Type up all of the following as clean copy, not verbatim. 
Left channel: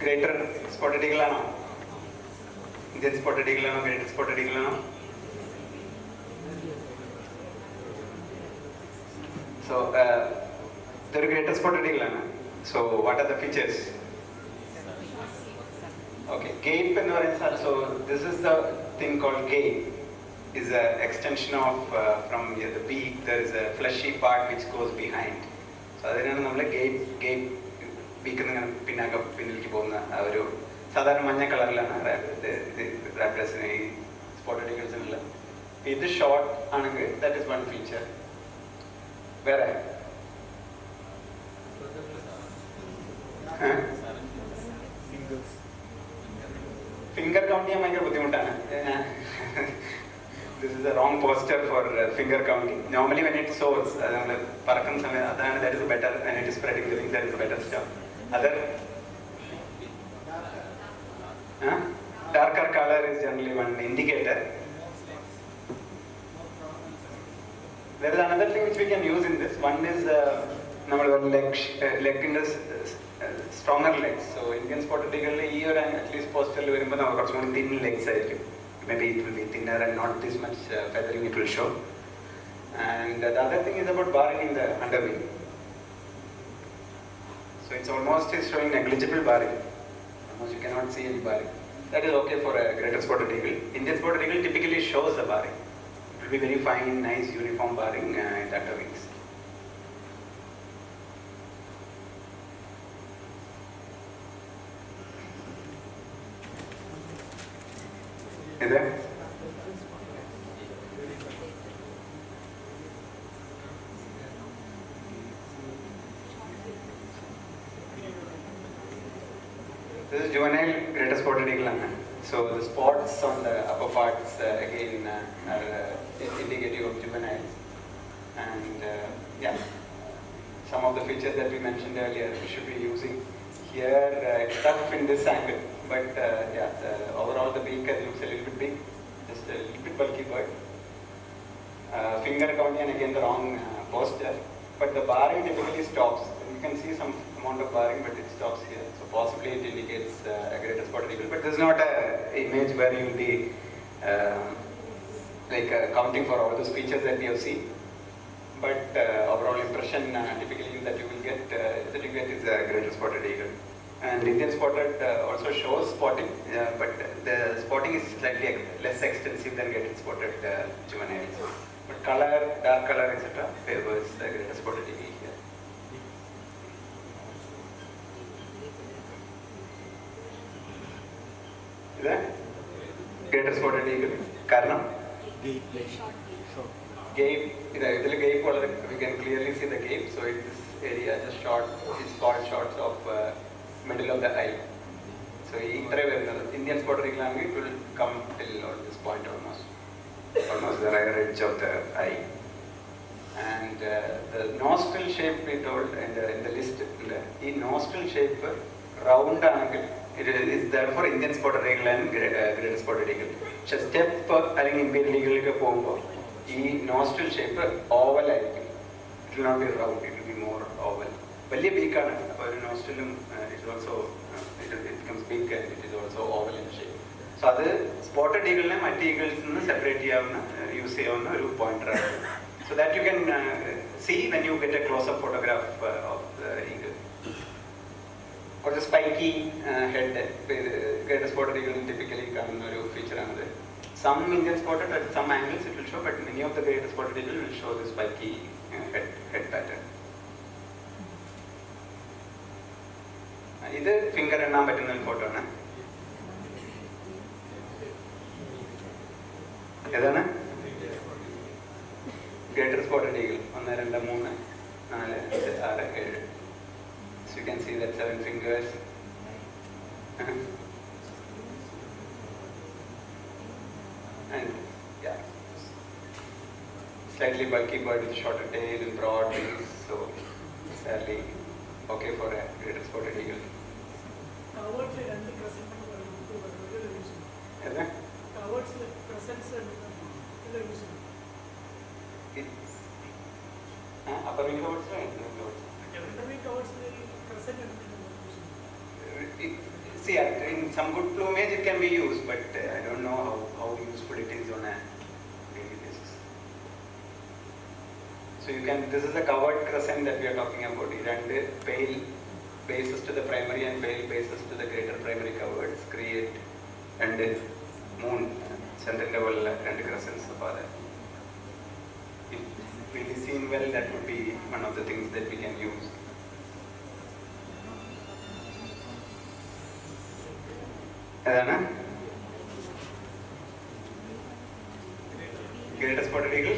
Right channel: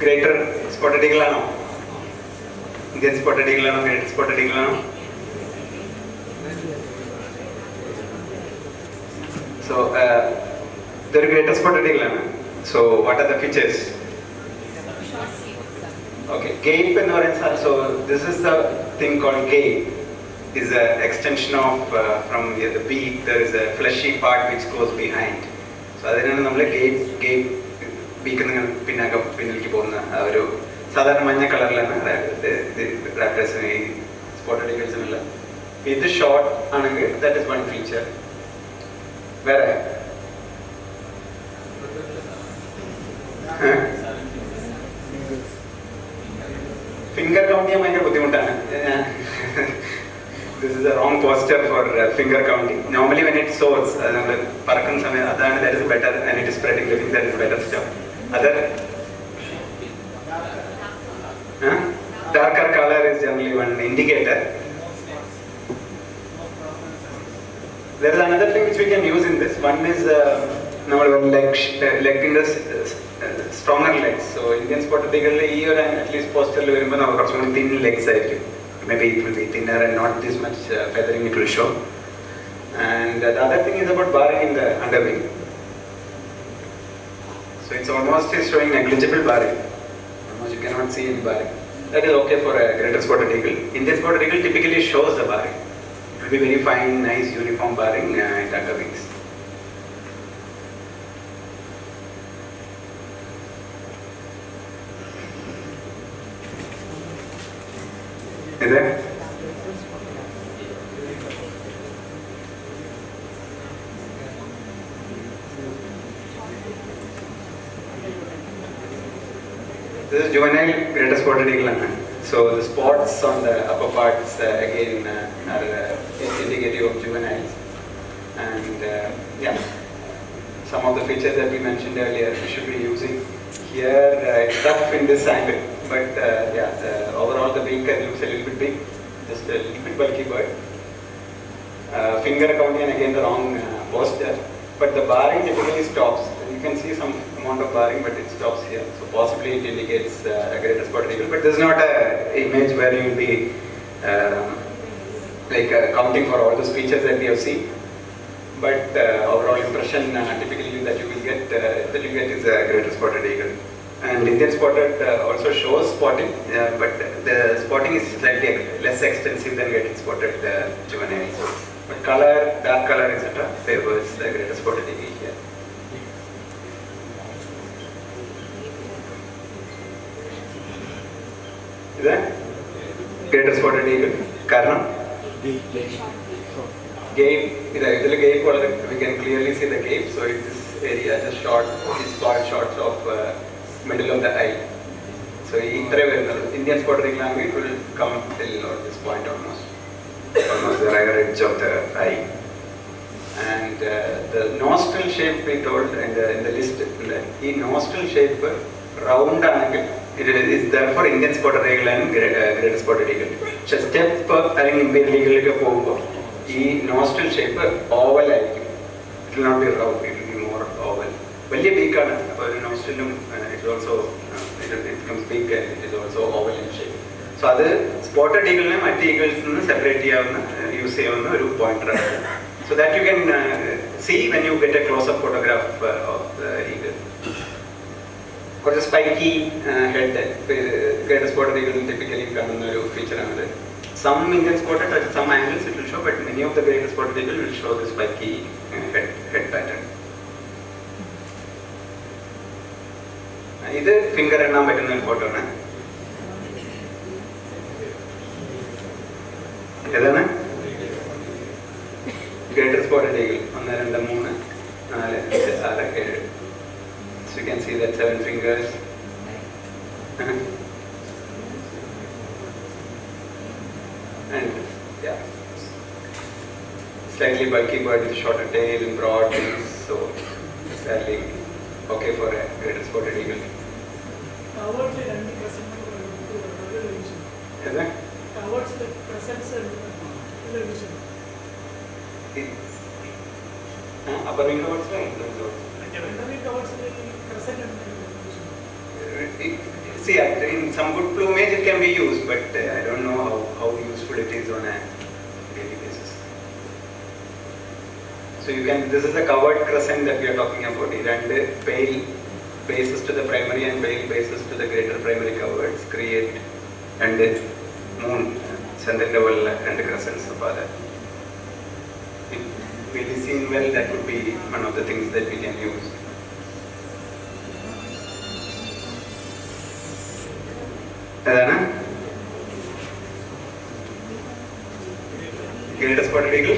Greater spotted eagle ആണോ? Indian spotted eagle ആണോ? Greater spotted eagle ആണോ? So, the greater spotted eagle ആണ്. So, what are the features? Okay, gape എന്ന് പറയുന്നത്, so this is the thing called gape. Is an extension of from the beak. There is a fleshy part which goes behind. So അതിനാണ് നമ്മൾ gape beak എന്ന് പിന്നിലേക്ക് പോകുന്ന ഒരു സാധാരണ മഞ്ഞ കളറിലാണ് റാപ്റ്റേഴ്സിന് ഈ സ്പോട്ടഡ് ഈഗിൾസിനുള്ള. ഇത് ഷോർട്ട് ആണെങ്കിൽ ദാറ്റ് ഇസ് വൺ ഫീച്ചർ. വേറെ ഫിംഗർ കൗണ്ട് ചെയ്യാൻ ഭയങ്കര ബുദ്ധിമുട്ടാണ്. This is a wrong posture for finger counting. Normally when it soars, പറക്കുന്ന സമയം അതാണ്, that is better, and it is spreading the wings, that is better stuff. Other darker color is generally one indicator. There is another thing which we can use in this. One is leg in the stronger legs. So Indian spotted eagle here and at least posture thin legs. Maybe it will be thinner and not this much feathering it will show. And the other thing is about barring in the underwing. So it's almost showing negligible barring. Almost you cannot see any barring. That is okay for a greater spotted eagle. Indian spotted eagle typically shows the barring. It will be very fine, nice, uniform barring in underwings. Is there? This is juvenile greater spotted eagle. So the spots on the upper parts again are indicative of juveniles. And yeah, some of the features that we mentioned earlier we should be using here. It's tough in this angle. But yeah, overall the beak looks a little bit big, just a little bit bulky bird. Finger counting again the wrong posture, but the barring typically stops. You can see some amount of barring, but it stops here. So possibly it indicates a greater spotted eagle, but this is not an image where you will be counting for all those features that we have seen. But overall impression typically that you will get is a greater spotted eagle. And Indian spotted also shows spotting, but the spotting is slightly less extensive than getting spotted juveniles. But color, dark color, etc. favors the greater spotted eagle here. Is that greater spotted eagle? Karnam? Gape. We can clearly see the gape. So it's this area just short, these shots of middle of the eye. So Indian spotted eagle, it will come till this point almost the rear edge of the eye. And the nostril shape we told in the list, the nostril shape round angle, it is therefore Indian spotted eagle and greater spotted eagle. So step imperial eagle the nostril shape oval, it will not be round, it will be more oval. Very big nostril, it is also it becomes big and it is also oval in shape. So that spotted eagle and eagles separate use a pointer. So that you can see when you get a close-up photograph of the eagle. Or the spiky head, greater spotted eagle typically come a feature. Some Indian spotted at some angles it will show, but many of the greater spotted eagle will show the spiky head pattern. This is finger photo. Greater spotted eagle. So you can see that 7 fingers. And yeah, slightly bulky bird with shorter tail and broad wings. So it's fairly okay for a greater spotted eagle. Towards the presence and television. Upper wing coverts, right? Underneath towards the crescent and See, in some good plumage it can be used, but I don't know how useful it is on a daily basis. So you can, this is the covered crescent that we are talking about, and pale bases to the primary and pale bases to the greater primary coverts create and moon center level and crescents of other. It will be seen well, that would be one of the things that we can use. Adana? Greater spotted eagle?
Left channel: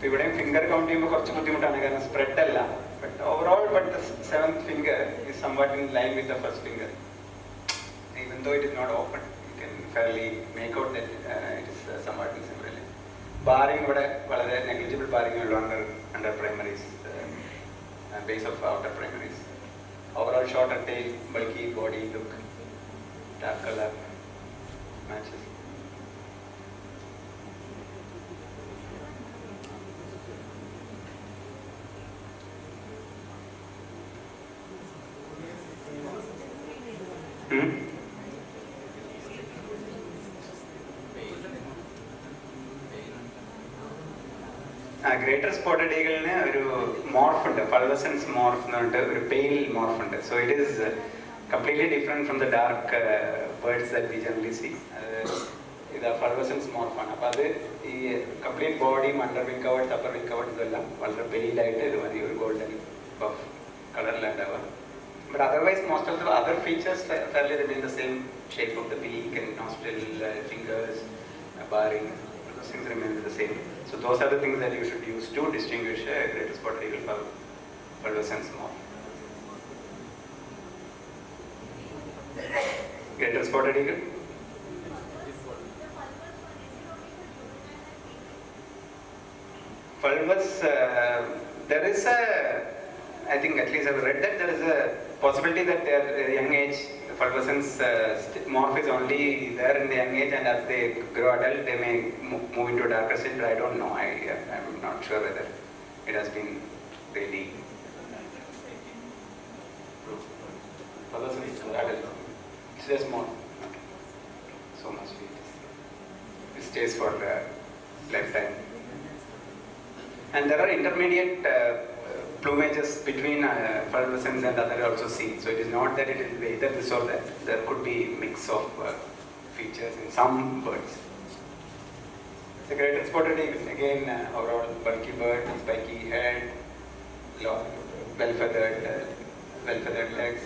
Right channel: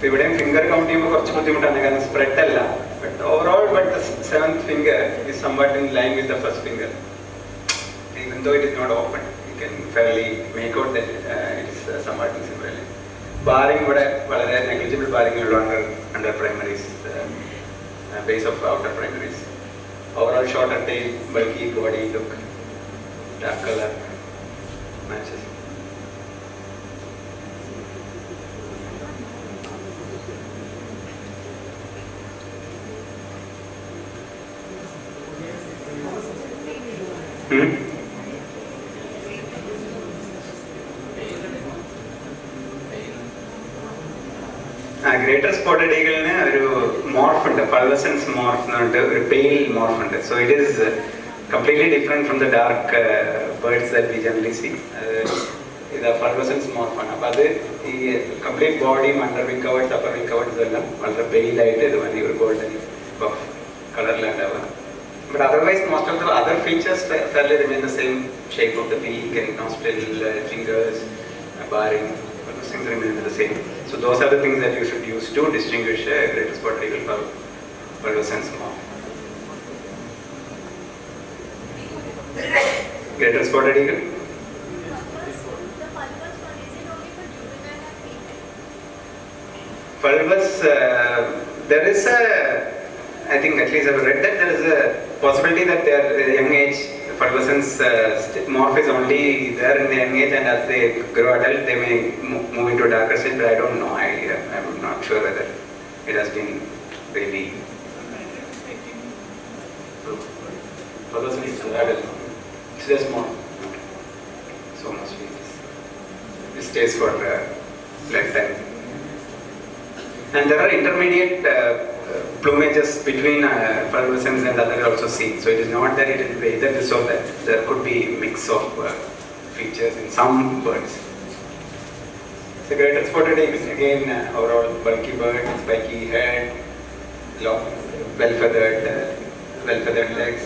Ivideyum finger count cheyumbol korchu buddhimuttanu കാരണം spread അല്ല, but overall, but the seventh finger is somewhat in line with the first finger. Even though it is not open, you can fairly make out that it is somewhat similar. Barring ഇവിടെ വളരെ negligible barring ഉള്ളു under primaries, base of outer primaries. Overall shorter tail, bulky body look, dark color matches. Greater spotted eagle ഒരു morph ഉണ്ട്, pulvescence morph എന്ന് പറഞ്ഞിട്ട് ഒരു pale morph ഉണ്ട്. So it is completely different from the dark birds that we generally see. ഇത് pulvescence morph ആണ്. അപ്പോൾ അത് ഈ complete body, under wing coverts, upper wing coverts എല്ലാം വളരെ pale ആയിട്ട് ഒരു golden buff കളറിലുണ്ടാവുക. But otherwise, most of the other features fairly remain the same shape of the beak and nostril, fingers, barring. Those things remain the same. So those are the things that you should use to distinguish a greater spotted eagle from pulvescence morph. Greater spotted eagle. Pulvus, there is a, I think at least I've read that there is a possibility that their young age pulvescence morph is only there in the young age, and as they grow adult they may move into a darker stage, but I don't know. I'm not sure whether it has been really. Pulvescence is adult. It's just more. So much it stays for lifetime. And there are intermediate plumages between pulvescence and other also seen. So it is not that it is either this or that. There could be a mix of features in some birds. The greater spotted eagle, again, overall bulky bird, spiky head, long, well-feathered legs,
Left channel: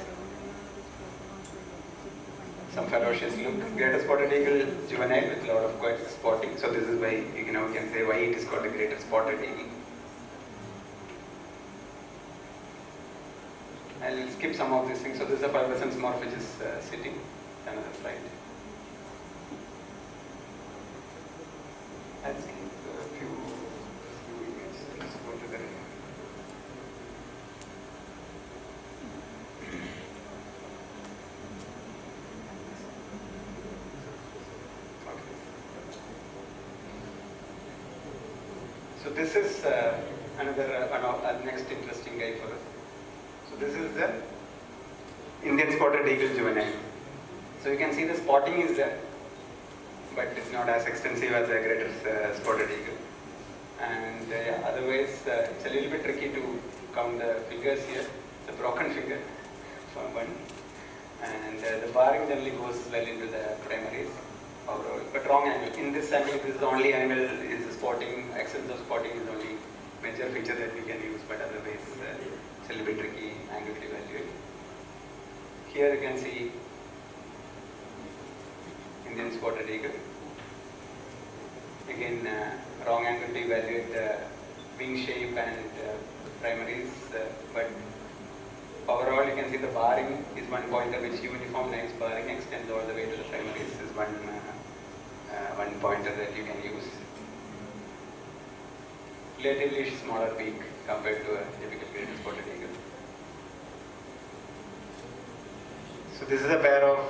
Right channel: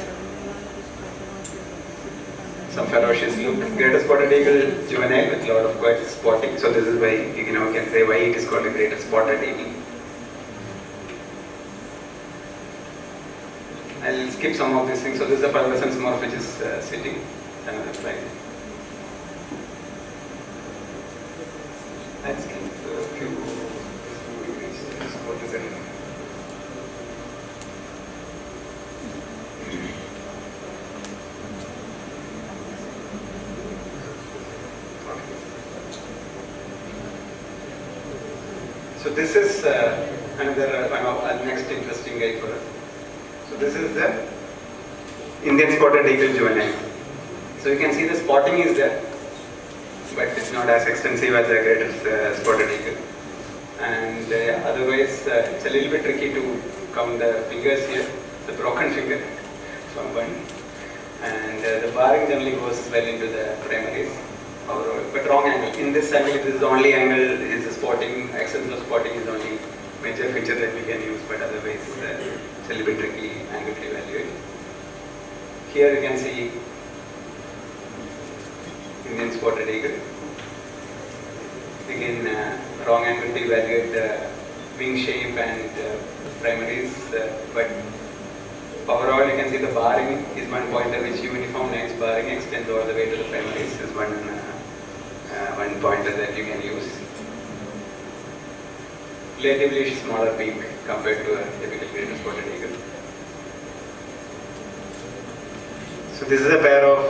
some ferocious look. Greater spotted eagle, juvenile with a lot of quite spotting. So this is why you can say why it is called a greater spotted eagle. I'll skip some of these things. So this is a pulvescence morph which is sitting. Another slide. I'll skip a few. What is it? So this is another next interesting guy for us. So this is the Indian spotted eagle juvenile. So you can see the spotting is there, but it's not as extensive as the greater spotted eagle. And otherwise, it's a little bit tricky to count the fingers here, the broken finger from one. And the barring generally goes well into the primaries, but wrong angle. In this angle, this is the only angle is the spotting, excess of spotting is the only major feature that we can use, but otherwise it's a little bit tricky angle to evaluate. Here you can see Indian spotted eagle. Again, wrong angle to evaluate the wing shape and primaries, but overall you can see the barring is one pointer which uniform lines barring extends all the way to the primaries is one pointer that you can use. Relatively smaller beak compared to a typical greater spotted eagle. So this is a pair of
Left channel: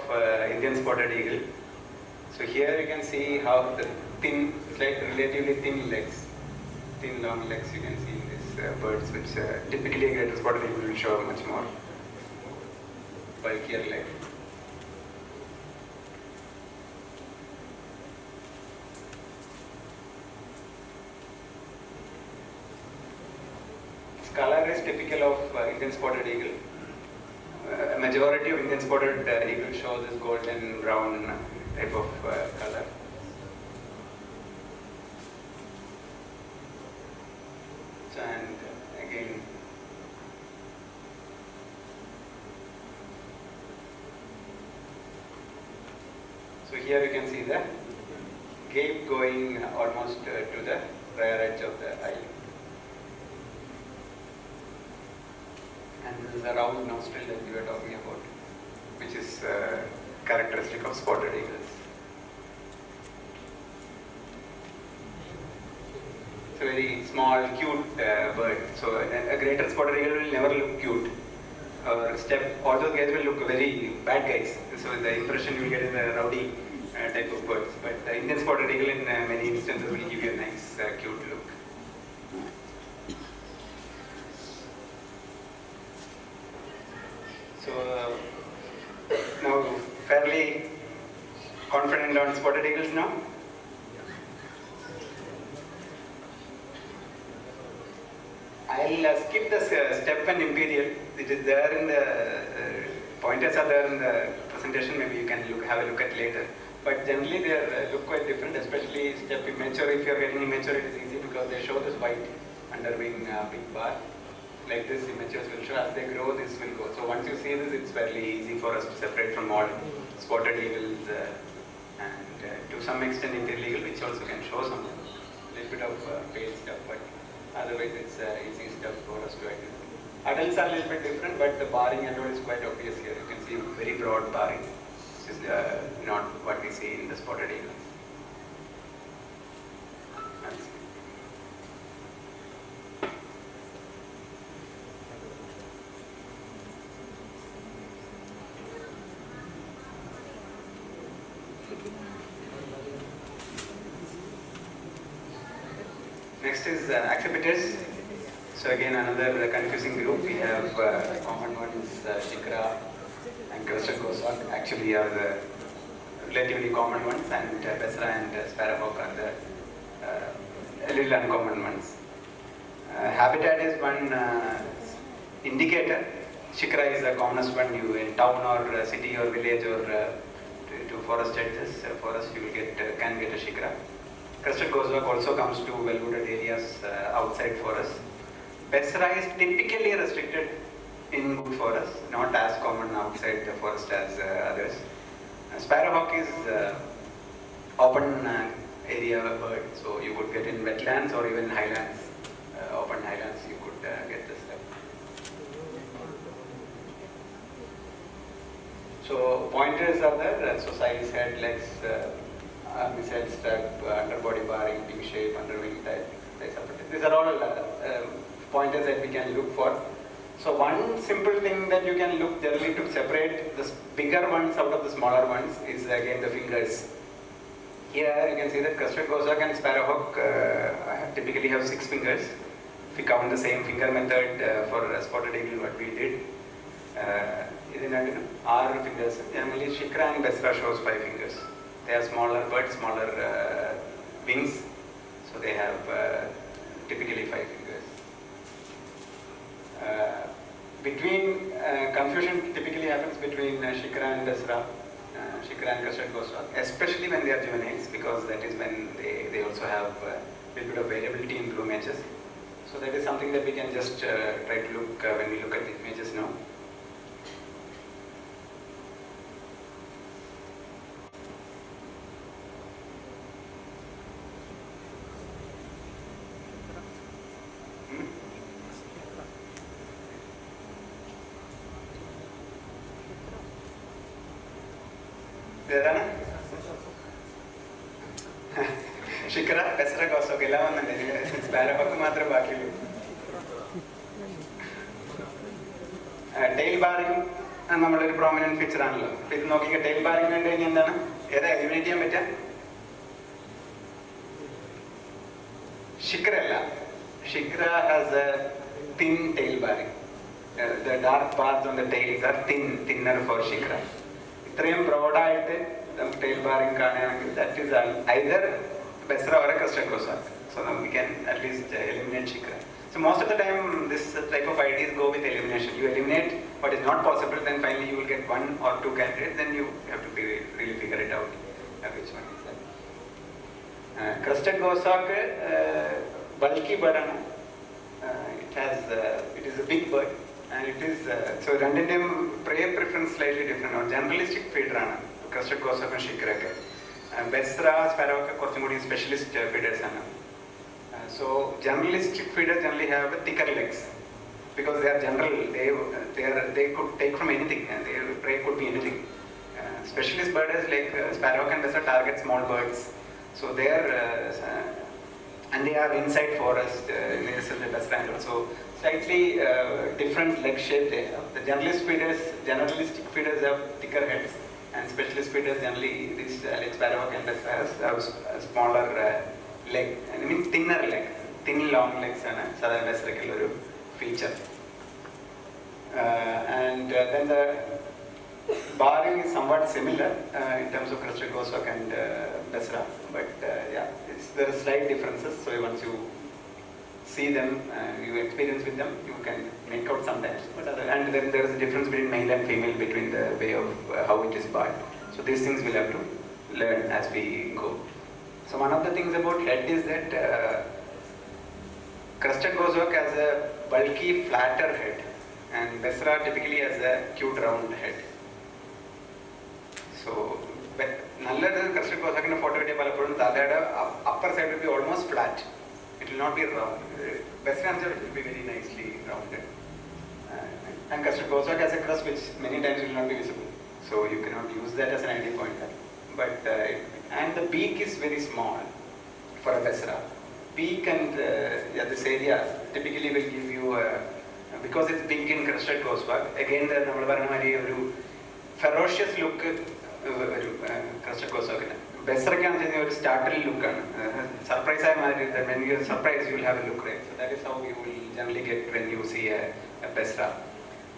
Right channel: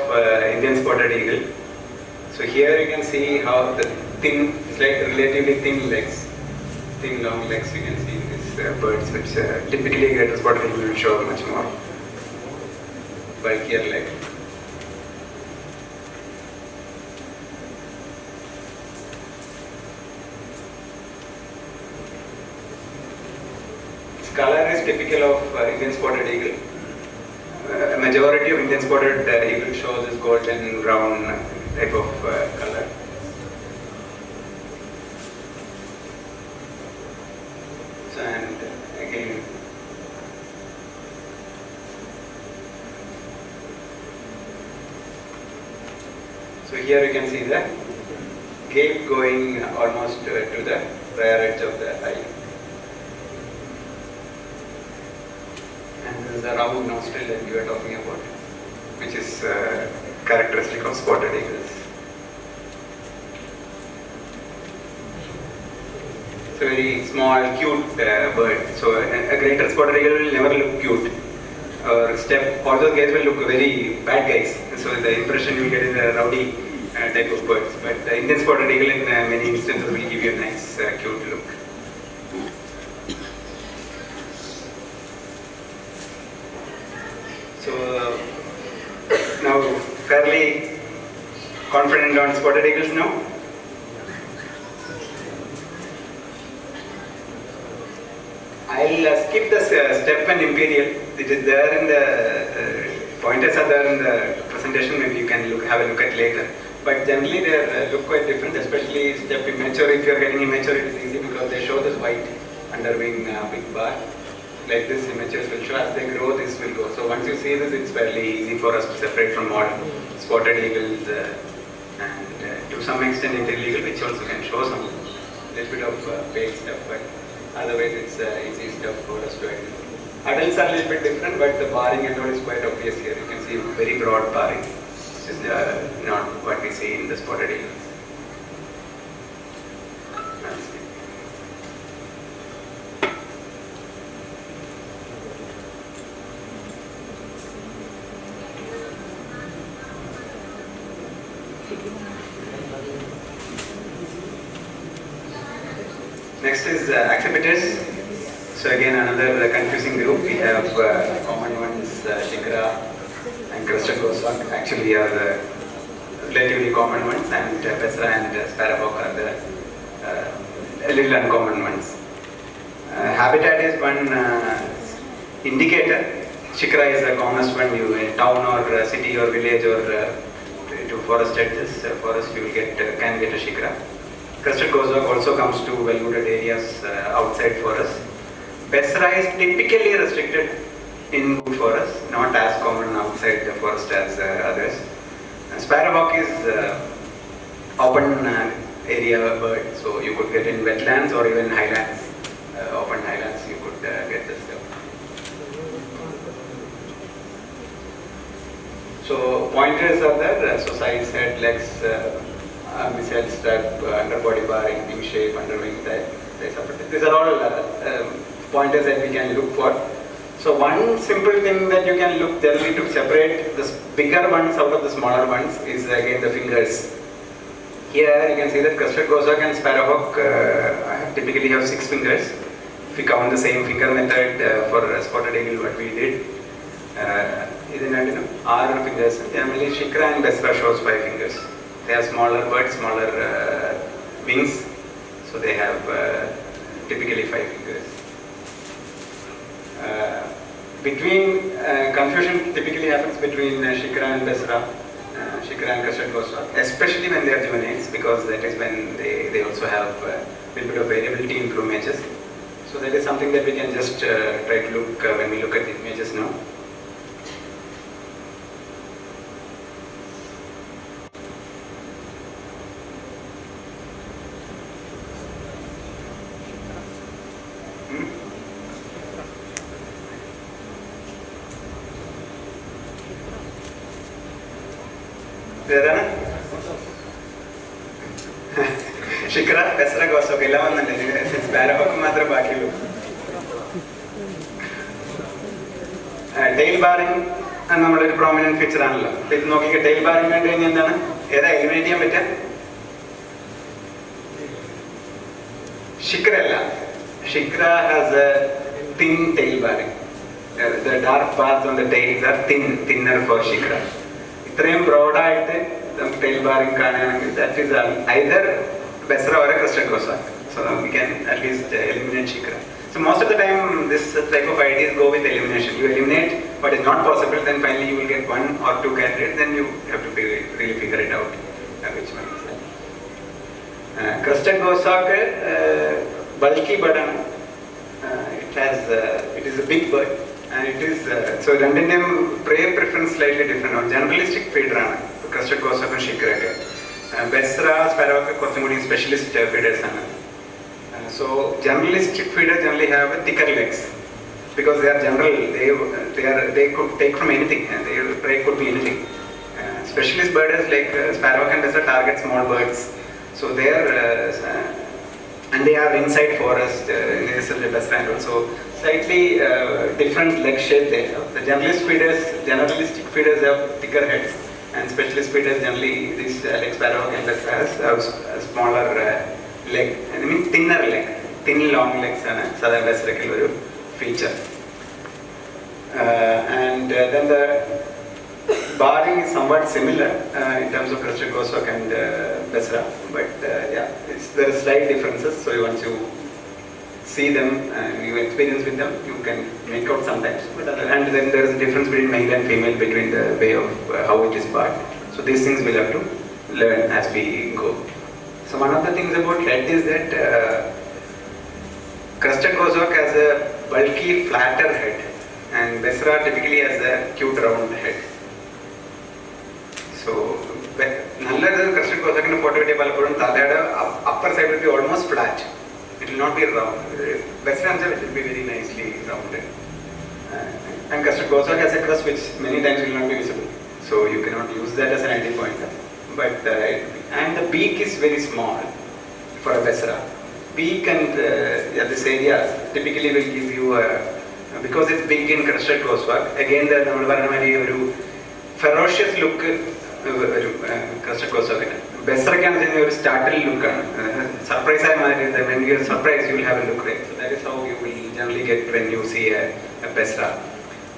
Indian spotted eagle. So here you can see how the thin, it's like relatively thin legs thin long legs you can see in these birds, which typically greater spotted eagle will show much more bulkier leg. Its color is typical of Indian spotted eagle. A majority of Indian spotted eagle shows this golden brown type of color. So, and again, so here you can see the gape going almost to the rear edge of the eye. And this is the round nostril that you are talking about, which is characteristic of spotted eagles. It's a very small, cute bird. So a greater spotted eagle will never look cute. Or step, all those guys will look very bad guys. So the impression you get is a rowdy type of birds. But the Indian spotted eagle in many instances will give you a nice, cute look. So now fairly confident on spotted eagles now. I'll skip the step and imperial. It is there in the pointers are there in the presentation. Maybe you can have a look at later. But generally they look quite different, especially step immature. If you are getting immature, it is easy because they show this white underwing big bar. Like this, immatures will show. As they grow, this will go. So once you see this, it's fairly easy for us to separate from all spotted eagles and to some extent imperial eagle, which also can show some little bit of pale stuff. But otherwise, it's easy stuff for us to identify. Adults are a little bit different, but the barring and all is quite obvious here. You can see very broad barring, which is not what we see in the spotted eagles. Next is accipiters. So again another confusing group. We have common ones, Shikara and crested goshawk actually are the relatively common ones, and Bessera and sparrowhawk are the little uncommon ones. Habitat is one indicator. Shikara is the commonest one. You in town or city or village or to forest edges, forest you will can get a Shikara. Crested goshawk also comes to well-wooded areas outside forest. Bessera is typically restricted in wood forest, not as common outside the forest as others. Sparrowhawk is open area bird, so you could get in wetlands or even highlands. Open highlands, you could get this stuff. So pointers are there. So size, head, legs. Missile strap, underbody barring, wing shape, underwing type. These are all pointers that we can look for. So one simple thing that you can look generally to separate the bigger ones out of the smaller ones is again the fingers. Here you can see that crested goshawk and sparrowhawk typically have 6 fingers. If we count the same finger method for spotted eagle, what we did, are fingers. Generally, Shikara and Bessera shows 5 fingers. They are smaller birds, smaller wings, so they have typically 5 fingers. Confusion typically happens between Shikara and Bessera, Shikara and crested goshawk, especially when they are juveniles, because that is when they also have a little bit of variability in plumages. So that is something that we can just try to look when we look at the images now. Shikara, Bessera, goshawk, sparrowhawk matram baaki. Tail barring and a prominent feature. This is a tail barring and eliminate Shikara. Shikra has a thin tail bearing. The dark bars on the tails are thinner for Shikra. ഇത്രയും ബ്രോഡായിട്ട് നമുക്ക് tail bearing കാണുകയാണെങ്കിൽ that is either Besra or a crested Cossack. So we can at least eliminate Shikra. So most of the time this type of ideas go with elimination. You eliminate what is not possible, then finally you will get one or two candidates, then you have to really figure it out which one is that. Crested Cossack, bulky bird. It is a big bird. And it is so രണ്ടിന്റെയും prey preference slightly different. Generalistic feeder ആണ് crested Cossack and Shikra ഒക്കെ. Besra, Sparrow ഒക്കെ കുറച്ചും കൂടി specialist feeders ആണ്. So generalistic feeders generally have thicker legs because they are general. They could take from anything. Their prey could be anything. Specialist birders like Sparrow and Besra target small birds. So they are and they are inside forest. Besra and also slightly different leg shape there. The generalistic feeders have thicker heads, and specialist feeders generally these like Sparrow and Besra have a smaller leg. I mean thinner leg, thin long legs are Southern Besra feature. And then the barring is somewhat similar in terms of crested Cossack and Besra, but yeah, there are slight differences. So once you see them and you experience with them, you can make out sometimes. And then there is a difference between male and female between the way of how it is barred. So these things we'll have to learn as we go. So one of the things about head is that crested Cossack has a bulky, flatter head, and Besra typically has a cute round head. So nalladu crested Cossack in photo kitti palappozhum thalade upper side will be almost flat. It will not be round. Besra will be very nicely rounded. And crested Cossack has a crest which many times will not be visible. So you cannot use that as an entry point. But and the beak is very small for a Besra. Beak and this area typically will give you because it's big in crested Cossack. Again, the ferocious look crested Cossack. Besra can have a startled look. Surprise, when you are surprised, you will have a look, right? So that is how you will generally get when you see a Besra.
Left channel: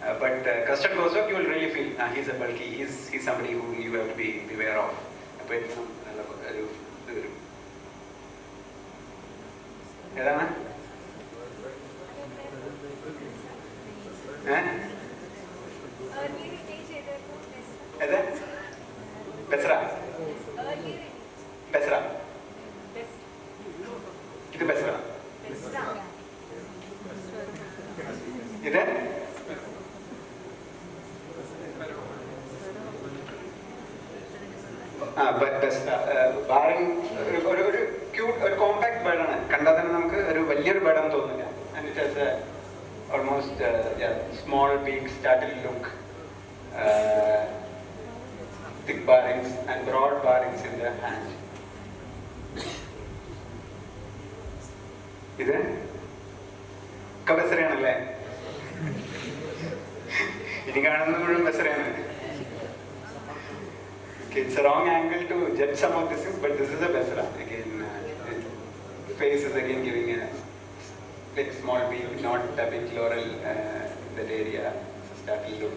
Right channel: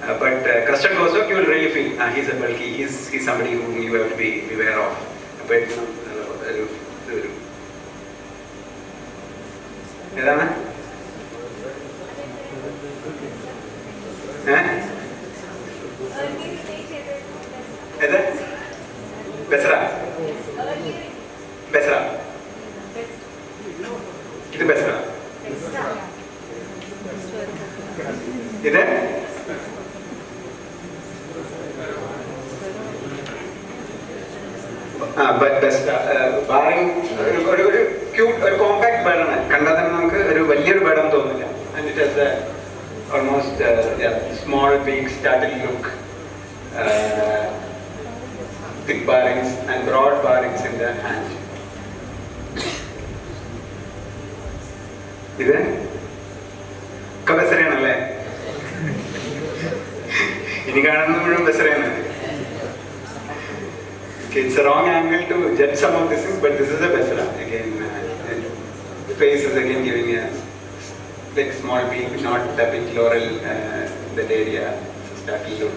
But crested Cossack, you will really feel he's a bulky. He's somebody who you have to be aware of. But Besra. Besra. Itu Besra. Itu? But Besra. Barring cute, compact bird ആണ്. കണ്ടാൽ തന്നെ നമുക്ക് ഒരു വലിയൊരു bird ആണെന്ന് തോന്നില്ല. And it has a almost small, big, startled look. Thick barrings and broad barrings in the hand. ഇത് ബെസറയാണല്ലേ? ഇനി കാണുന്നത് മുഴുവൻ ബെസറയാണ്. It's a wrong angle to judge some of these things, but this is a Besra. Again, the face is again giving a like small peak, not the big laurel that area. It's a startled look.